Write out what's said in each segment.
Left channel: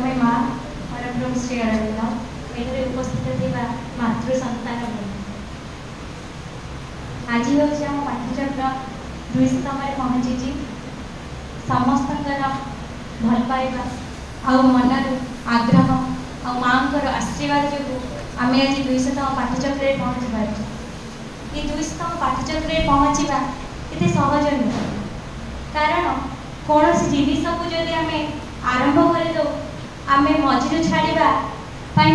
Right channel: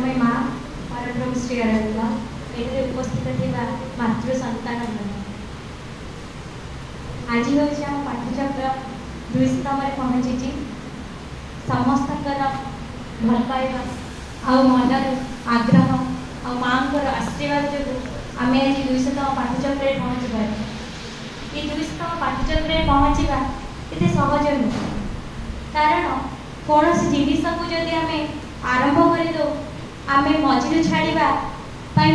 दयामय माँ परब्रह्म श्री अरविंद एଠାରେ उपस्थित ଥିବା मातृ संतान आज हूँ आम पाठचक्र 200 पहुँची समस्त भल पाइबा आ मनर आग्रह आ माँ आशीर्वाद जो आम आज 200 पाठचक्र पहुँची पारे ये 200 पाठचक्र पहुँचवा ये सहज नुह कारण कौन जिनिस को जदि आम आरंभ कर दो आम मझे छाड़ा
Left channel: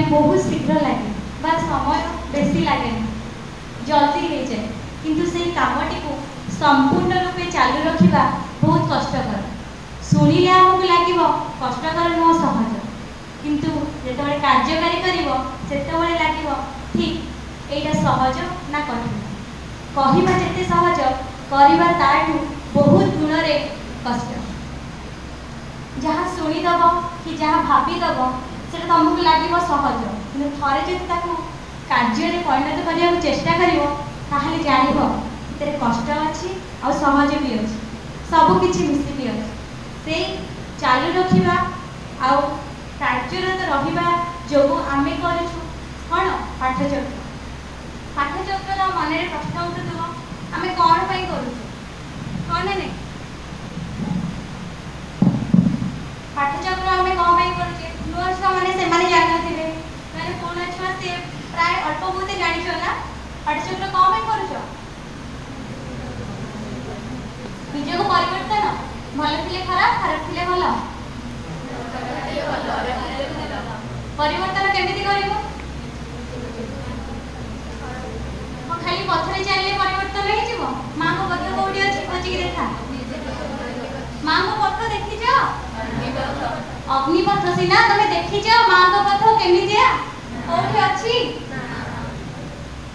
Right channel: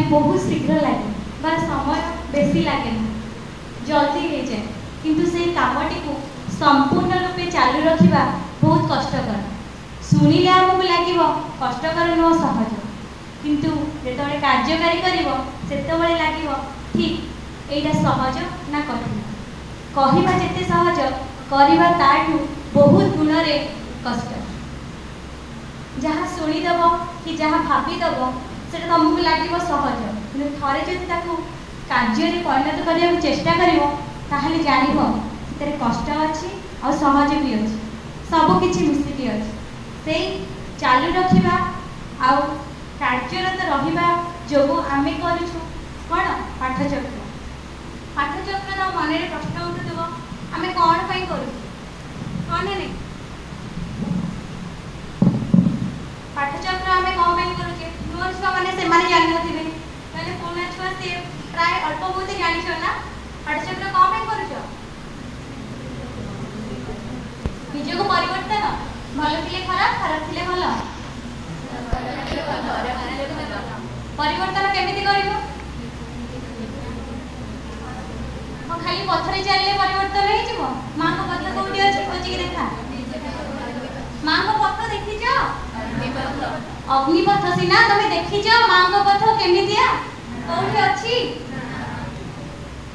बहुत शीघ्र लगे समय बेसी लगे जल्दी हो जाए किंतु से कामटी को संपूर्ण रूपे चालू रखा बहुत कष्टकर शुणिले आमको लगे कष्टकर नुह सहज किंतु जो कार्यकारी कर लगे ठीक यहीटा सहज ना कठिन कहवा जिते सहज करवा ताठू बहुत गुण कष्ट जहाँ शुणीदेव कि जहाँ भावीदेव से तुमको लगे सहज कि थे जब कार्य परिणत करने चेष्टा कर जान से कष्ट अच्छी आ सहज भी अच्छी सबकि मिसिकी अच्छी से चालू रखा आ कार्यरत रहा जो आम करूँ कौन पाठचक्र पाठचक्र मन में प्रश्न उठुव आम कौन पर करूँ हाँ ना नहीं पाठचक्र आम कौन पर करुचे नुआ छुआ मैंने जान ना पुणा छुआ सी प्राय अल्प बहुत जान ना पाठचक्र कौन पर कर निज को परिवर्तन भल थे खराब खराब थे भल परिवर्तन केमिति कर खाली पथरे चलने परिवर्तन हो माँ को पथ कौटी अच्छी खोजिक देखा माँ को पथ देखी अग्निपथ सीना तुम देखी माँ को पथ केमितिया कौटी अच्छी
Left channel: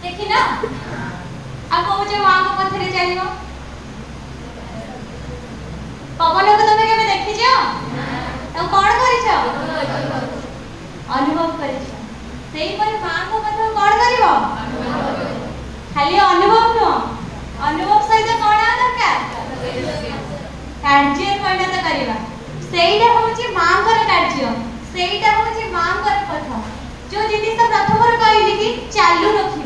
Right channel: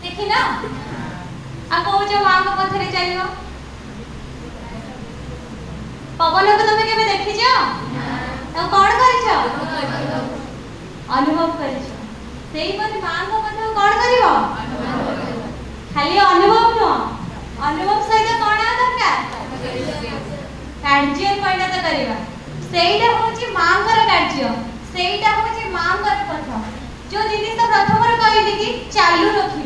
देखी ना आ कौच माँ को पथरे चलो पवन को तुम के देखी तो कौन कर अनुभव कर माँ को पथ कौन कर खाली अनुभव नुह अनुभव सहित कौन दरकार कार्य परिणत करवा सेटा हूँ माँ कार्य सेटा हूँ माँ पथ जो जिन प्रथम कहली कि चालू रख